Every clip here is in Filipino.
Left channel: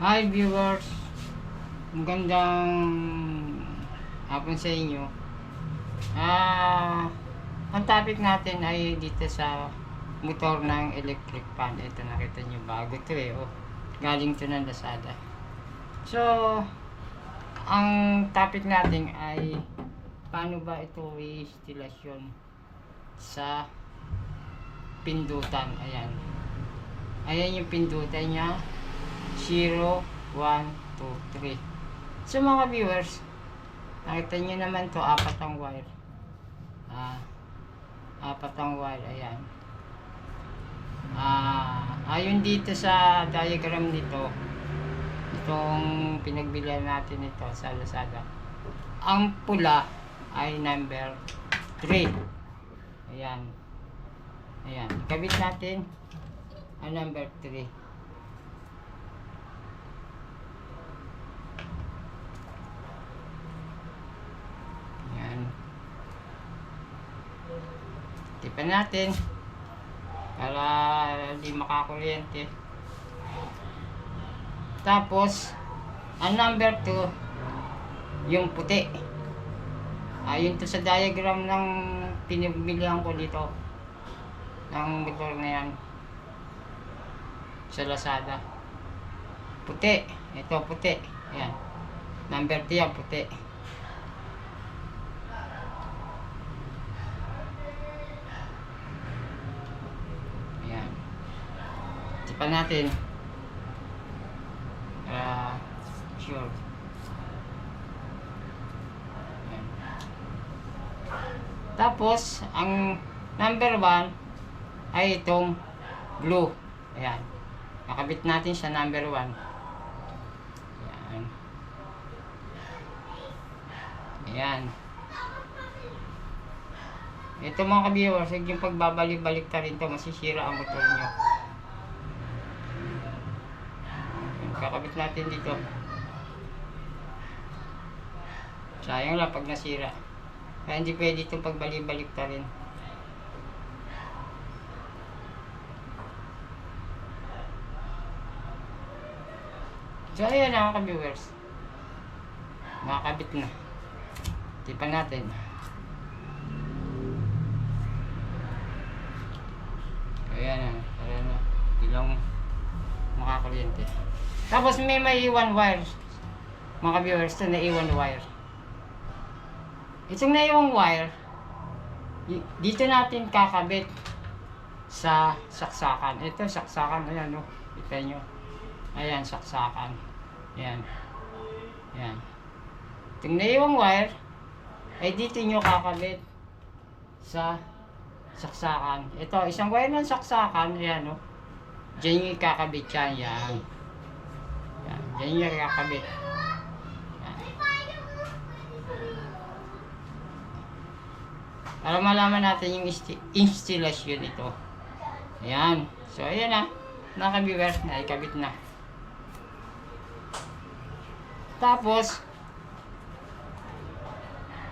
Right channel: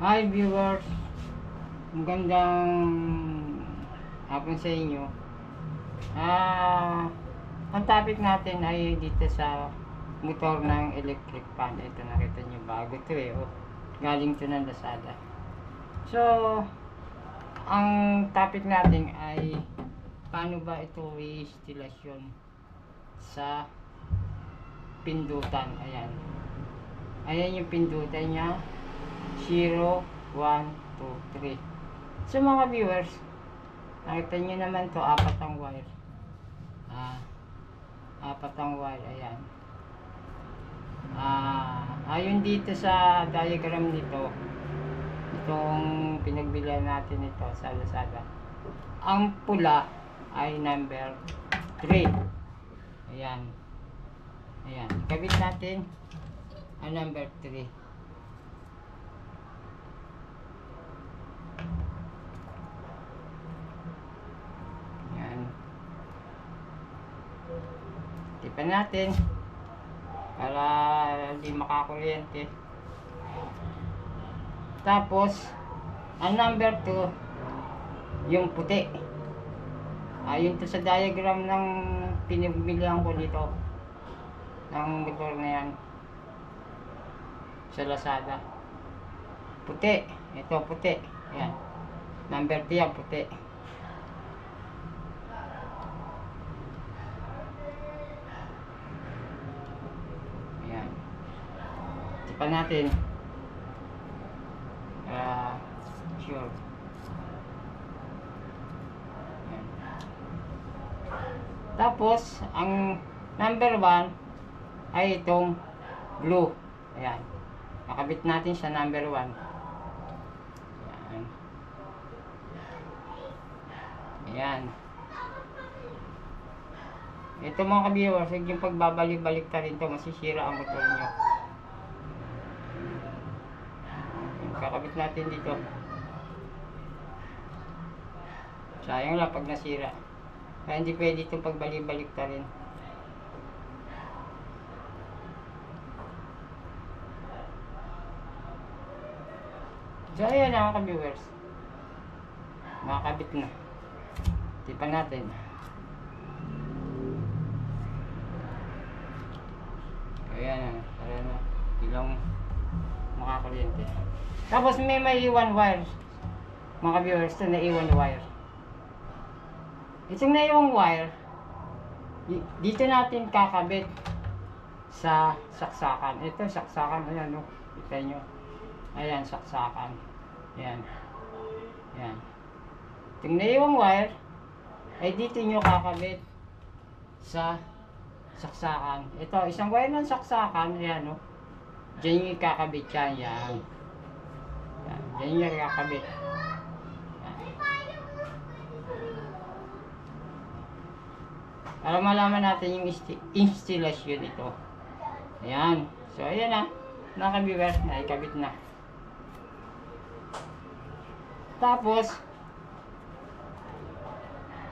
Hi viewers, magandang hapon sa inyo. Ang topic natin ay dito sa motor ng electric fan. Ito nakita nyo, bago to oh. Galing to ng Lazada. So, ang topic natin ay paano ba ito i-instalasyon sa pindutan. Ayan yung pindutan niya. 0, 1, 2, 3. So mga viewers, nakita nyo naman to, apat ang wire. Apat ang wire, ayan. Ayon dito sa diagram nito, itong pinagbilihan natin ito sa Lazada, ang pula ay number 3. Ayan. Kabit natin ang number 3. Tipan natin para hindi makakuryente. Tapos ang number 2 yung puti. Yun to sa diagram ng pinagbilihan ko dito ng motor na yan sa Lazada. Puti, ito puti. Ayan, number 2 yan, puti. Tipan natin sure. Ayan. Tapos ang number 1 ay itong blue. Ayan, nakabit natin sa number 1. Ayan. Ito mga ka-viewers, yung pagbabalik-balik ta rin to, masisira ang motor nyo. Kakabit natin dito. Sayang lang pag nasira. Kaya hindi pwede itong pagbalik-balik ta rin. So ayan mga ka-viewers, nakakabit na. Tipan natin. Ayan na, para na ilang makakuryente. Tapos may iwan wire mga viewers, ito naiwan wire. Itong naiwan wire dito natin kakabit sa saksakan. Ito saksakan, ayan o, kita nyo. Ayan, saksakan. Ayan. Itong naiwan wire ay dito nyo kakabit sa saksakan. Ito, isang wire ng saksakan, ayan o, dyan nyo kakabit yan. Yan yung kakabit. Para malaman natin yung installation ito. Ayan. So ayan na, naka-viewers na, ikabit na. Tapos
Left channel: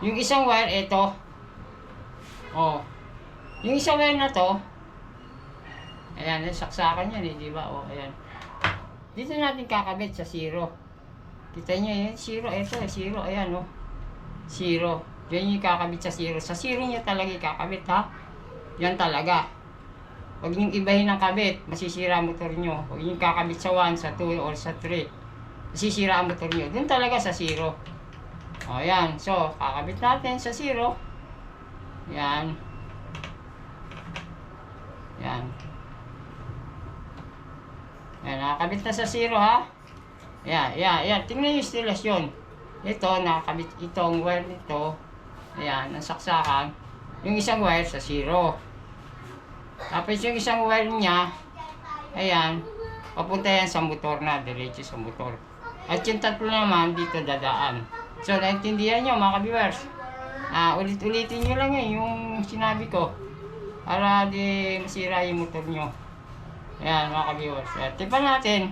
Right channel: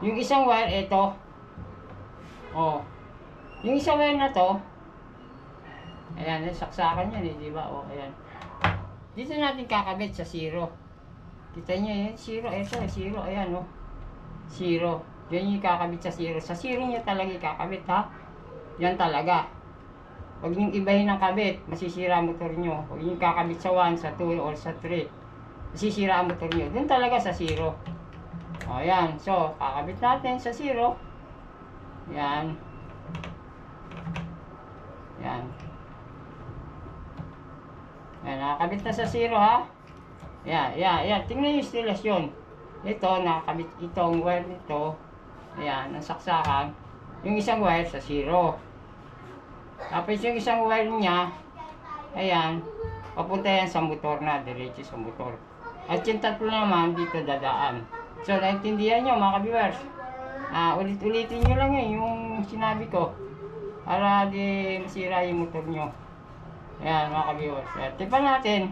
yung isang wire ito, yung isang wire na to, ayan, saksakan yan diba? Ayan, dito natin kakabit sa 0. Kita nyo yun, 0, ito 0, ayan 0. Yan yung kakabit sa 0. Sa 0 nyo talaga kakabit, ha? Yan talaga. Huwag nyo ibahin ang kabit, masisira ang motor nyo. Huwag nyo kakabit sa 1, sa 2, or sa 3. Masisira ang motor nyo. Doon talaga sa 0. Ayan, so kakabit natin sa 0. Yan. Nakakabit na sa 0, ha? Ayan. Tingnan yung instalasyon. Ito, nakakabit itong wire nito. Ayan, ang saksakan. Yung isang wire sa 0. Tapos yung isang wire niya, ayan, papunta yan sa motor na, diretso sa motor. At yung tatlo naman, dito dadaan. So, naintindihan nyo mga ka-viewers. Ulit-ulitin nyo lang yung sinabi ko. Para di masira yung motor nyo. Ayan mga ka-viewers. Tipan natin.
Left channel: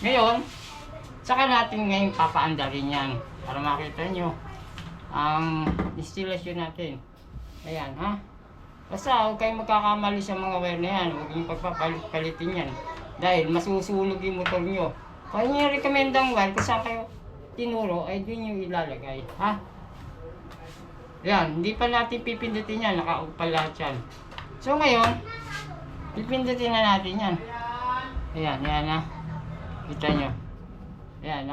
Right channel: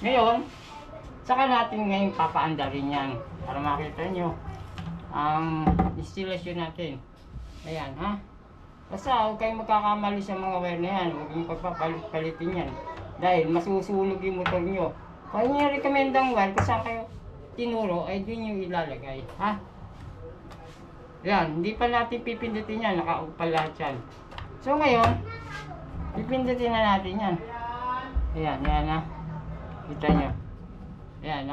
Ngayon, saka natin ngayon papaandarin yan. Para makita nyo ang installation natin. Ayan, ha? Basta huwag kayong magkakamali sa mga wire na yan. Huwag yung pagpapalit-palitin yan. Dahil masusunog yung motor nyo. Kung ano yung recommendang wire, kung saan kayo tinuro, ay dun yung ilalagay. Ha? Yan, hindi pa natin pipindutin yan, naka-off pa lahat yan. So ngayon, pipindutin na natin yan. Ayan, yan ha. Kita nyo. Ayan,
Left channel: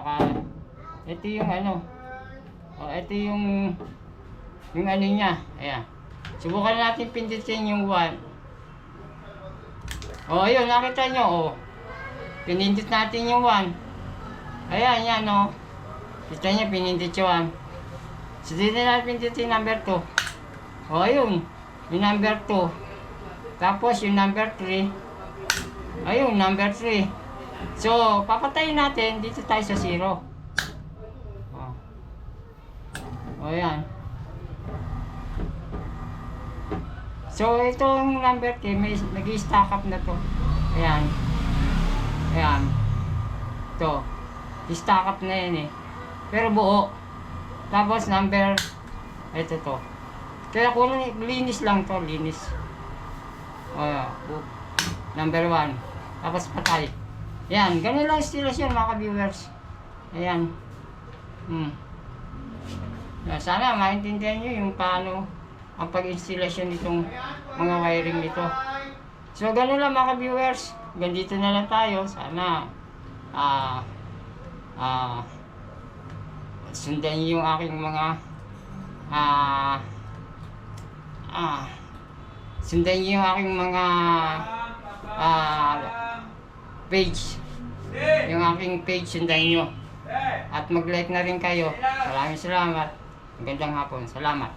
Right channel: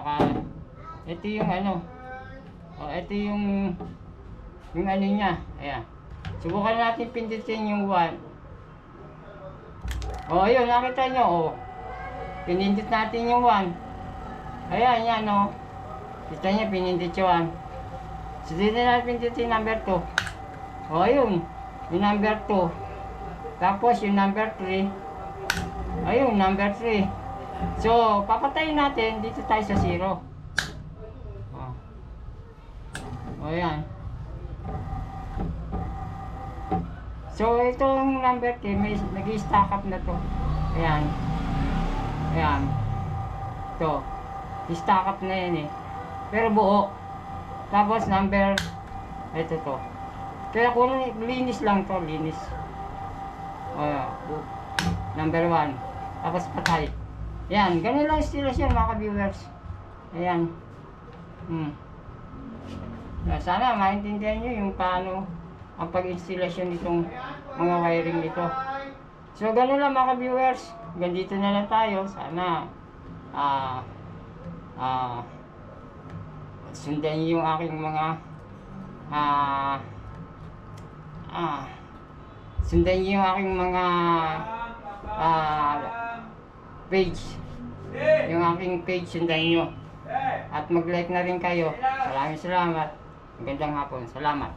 ito yung ano. O, ito yung ano niya. Ayan. Subukan natin pindutin yung 1. O, ayun, nakita nyo, o. Pinindot natin yung 1. Ayan, yan, o. Kita nyo, pinindot yung 1. So, dito natin pindutin yung number 2. O, ayun. Yung number 2. Tapos, yung number 3. Ayun, number 3. So, papatayin natin. Dito tayo sa 0. O, yan. So, itong number 3, may nag-stack up na to. Ayan. Ayan. Ito. I-stack up na yan eh. Pero buo. Tapos number, ito to. Kaya kung linis lang to, linis. O, number 1. Tapos patay. Ayan. Ganun lang installation mga ka-viewers. Ayan. Sana maintindihan nyo yung paano ang pag-installation nitong mga wiring nito. So, ganun lang mga viewers. Ganito na lang tayo. Sana sundan nyo yung aking mga sundan nyo yung aking mga page. Yung aking page, sundan nyo. At mag-like na rin kayo. Maraming salamat. Magandang hapon. Salamat.